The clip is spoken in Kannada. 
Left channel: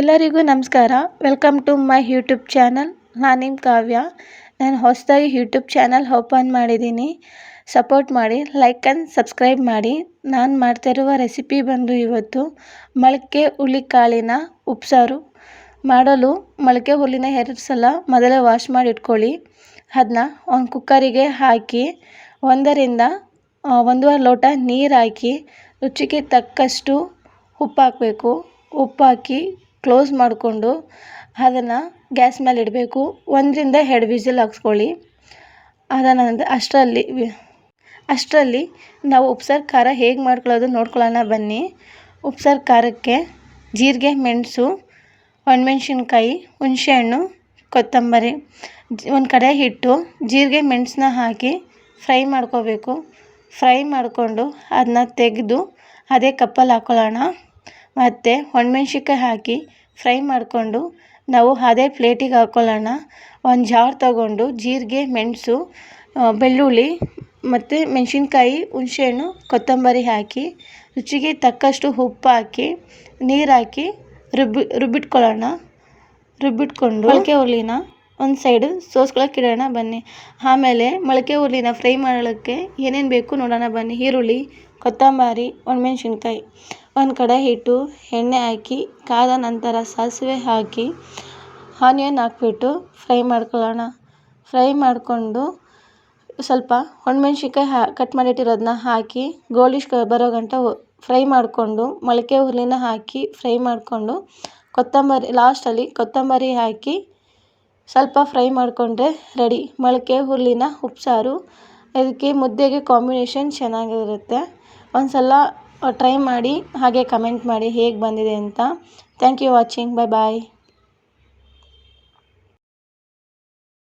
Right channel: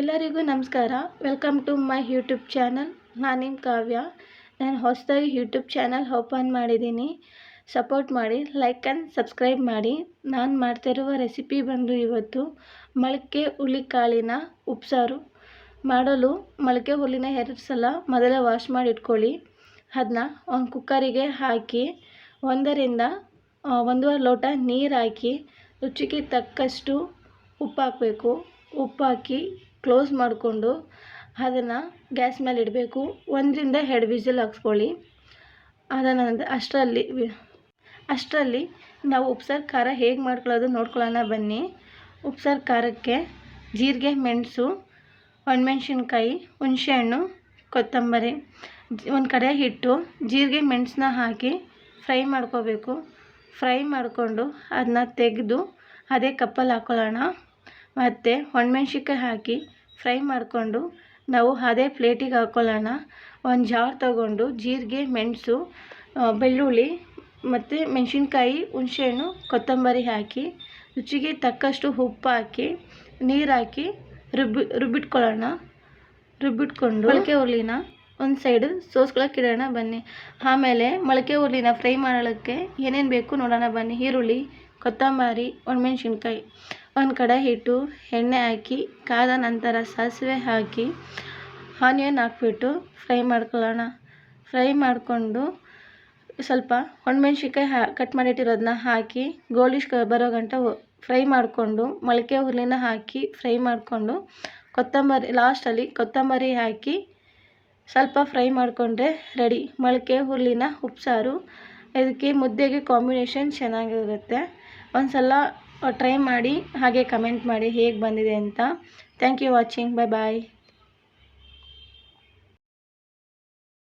ಎಲ್ಲರಿಗೂ ನಮಸ್ಕಾರ. Welcome to my YouTube channel ನಾನು ಕಾವ್ಯ. ನಾನು ಹೊಸದಾಗಿ ಯೂಟ್ಯೂಬ್ ಚಾನಲ್ ಓಪನ್ ಮಾಡಿದ್ದೀನಿ. ಸಪೋರ್ಟ್ ಮಾಡಿ ಲೈಕ್ ಆ್ಯಂಡ್ ಸಬ್ಸ್ಕ್ರೈಬ್ ಮಾಡಿ. ನಾನು ಮಾಡ್ತಿರುವ ರೆಸಿಪಿ ಬಂದು ಇವತ್ತು ಮೊಳಕೆ ಹುಳಿಕಾಳಿನ ಉಪ್ಸಾರು. ಮಾಡಲು ಮೊಳಕೆ ಹುಲ್ಲಿನ ಎರಡು ಸಲ ಮೊದಲೇ ವಾಶ್ ಮಾಡಿ ಇಟ್ಕೊಳ್ಳಿ. ಅದನ್ನ ಒಂದು ಕುಕ್ಕರಿಗೆ ಹಾಕಿ, ಒಂದರಿಂದ ಒಂದೂವರೆ ಲೋಟ ನೀರು ಹಾಕಿ, ರುಚಿಗೆ ತಕ್ಕಷ್ಟು ಉಪ್ಪು ಹಾಕಬೇಕು. ಉಪ್ಪು ಹಾಕಿ ಕ್ಲೋಸ್ ಮಾಡಿಕೊಂಡು ಅದನ್ನು ಗ್ಯಾಸ್ ಮೇಲೆ ಇಡಬೇಕು. ಒಂದರಿಂದ ಎರಡು ವಿಸಿಲ್ ಹಾಕ್ಸ್ಕೊಳ್ಳಿ. ನಂತರ ಅಷ್ಟರಲ್ಲಿ ಅಷ್ಟರಲ್ಲಿ ನಾವು ಉಪ್ಸಾರು ಖಾರ ಹೇಗೆ ಮಾಡ್ಕೊಳ್ಳೋದು ನೋಡ್ಕೊಳ್ಳೋಣ ಬನ್ನಿ. ಉಪ್ಸಾರು ಖಾರಕ್ಕೆ ಜೀರಿಗೆ, ಮೆಣಸು, ಒಣಮೆಣ್ಸಿನ್ಕಾಯಿ, ಹುಣಸೆಹಣ್ಣು, ಕೊತ್ತಂಬರಿ ಒಂದು ಕಡೆ ಹಿಟ್ಟು, ಜೀರಿಗೆ ಮೆಣಸನ್ನ ಹಾಕಿ ಫ್ರೈ ಮಾಡ್ಕೋಬೇಕು. ಫ್ರೈ ಮಾಡಿಕೊಂಡು ಅದನ್ನ ತೆಗೆದು ಅದೇ ಕಪ್ಪಲ್ಲಿ ಹಾಕ್ಕೊಳ್ಳೋಣ ಮತ್ತು ಒಣಮೆಣ್ಸಿನ್ಕಾಯಿ ಹಾಕಿ ಫ್ರೈ ಮಾಡಿಕೊಂಡು ನಾವು ಅದೇ ಪ್ಲೇಟಿಗೆ ಹಾಕ್ಕೊಳ್ಳೋಣ ಒಂದು ಜಾರ್ ತಗೊಂಡು ಜೀರಿಗೆ, ಮೆಣಸು ಬೆಳ್ಳುಳ್ಳಿ ಮತ್ತು ಮೆಣಸಿನ್ಕಾಯಿ, ಹುಣಸೆಹಣ್ಣು, ಕೊತ್ತಂಬರಿ ಹಾಕಿ ರುಚಿಗೆ ತಕ್ಕಷ್ಟು ಉಪ್ಪು ಹಾಕಿ, ನೀರು ಹಾಕಿ ರುಬ್ಬಿ, ರುಬ್ಬಿಟ್ಕೊಳ್ಳೋಣ. ರುಬ್ಬಿಟ್ಕೊಂಡು ಮೊಳಕೆ ಹುರುಳಿನ ಒಂದು ಸೈಡು ಸೋಸ್ಕೊಳಕ್ಕೆ ಇಡೋಣ ಬನ್ನಿ. ಆಮೇಲೆ ಮೊಳಕೆ ಹುರುಳಿನ ಫ್ರೈ ಮಾಡೋಕ್ಕೆ ಏನೇನು ಬೇಕು ನೋಡೋಣ ಬನ್ನಿ. ಈರುಳ್ಳಿ, ಕೊತ್ತಂಬರಿ, ಒಣಮೆಣ್ಸಿನ್ಕಾಯಿ. ಒಂದು ಕಡೆ ಇಟ್ಟು ಎಣ್ಣೆ ಹಾಕಿ, ಕಾದ ನಂತರ ಸಾಸಿವೆ ಹಾಕಿ, ಆನಿಯನ್ ಹಾಕ್ಬಿಟ್ಟು ಫ್ರೈ ಮಾಡ್ಕೊಳ್ಳೋಣ. ಫ್ರೈ ಮಾಡಿಕೊಂಡು ಸ್ವಲ್ಪ ಒಣಮೆಣ್ಸಿನ್ಕಾಯಿ ಹಾ, ಕಟ್ ಮಾಡಿಟ್ಟಿರೋದನ್ನ ಹಾಕಿ ಗೋಲ್ಡಿಶ್ ಬರೋ ಗಂಟ ಫ್ರೈ ಮಾಡಿಕೊಂಡು, ಮೊಳಕೆ ಹುರುಳಿನ ಹಾಕಿ ಫ್ರೈ ಮಾಡಿಕೊಂಡು, ಕೊತ್ತಂಬರಿ ಲಾಸ್ಟಲ್ಲಿ ಕೊತ್ತಂಬರಿ ಹಾಕಿ ಸ್ವಲ್ಪ ಫ್ರೈ ಮಾಡಿಕೊಂಡ್ರೆ ರೆಡಿ. ಮೊಳಕೆ ಹುರುಳಿನ ಉಪ್ಸಾರು, ಇದಕ್ಕೆ ಮುದ್ದೆಗೆ ಕಾಂಬಿನೇಷನ್ ಚೆನ್ನಾಗಿರುತ್ತೆ. ಒಂದು ಸಲ ಟ್ರೈ ಮಾಡಿ ಹಾಗೆ ಕಮೆಂಟ್ ಮಾಡಿ ಹೇಗೆ ಬಂದಿದೆ ಅಂತ. Thank you watching bye bye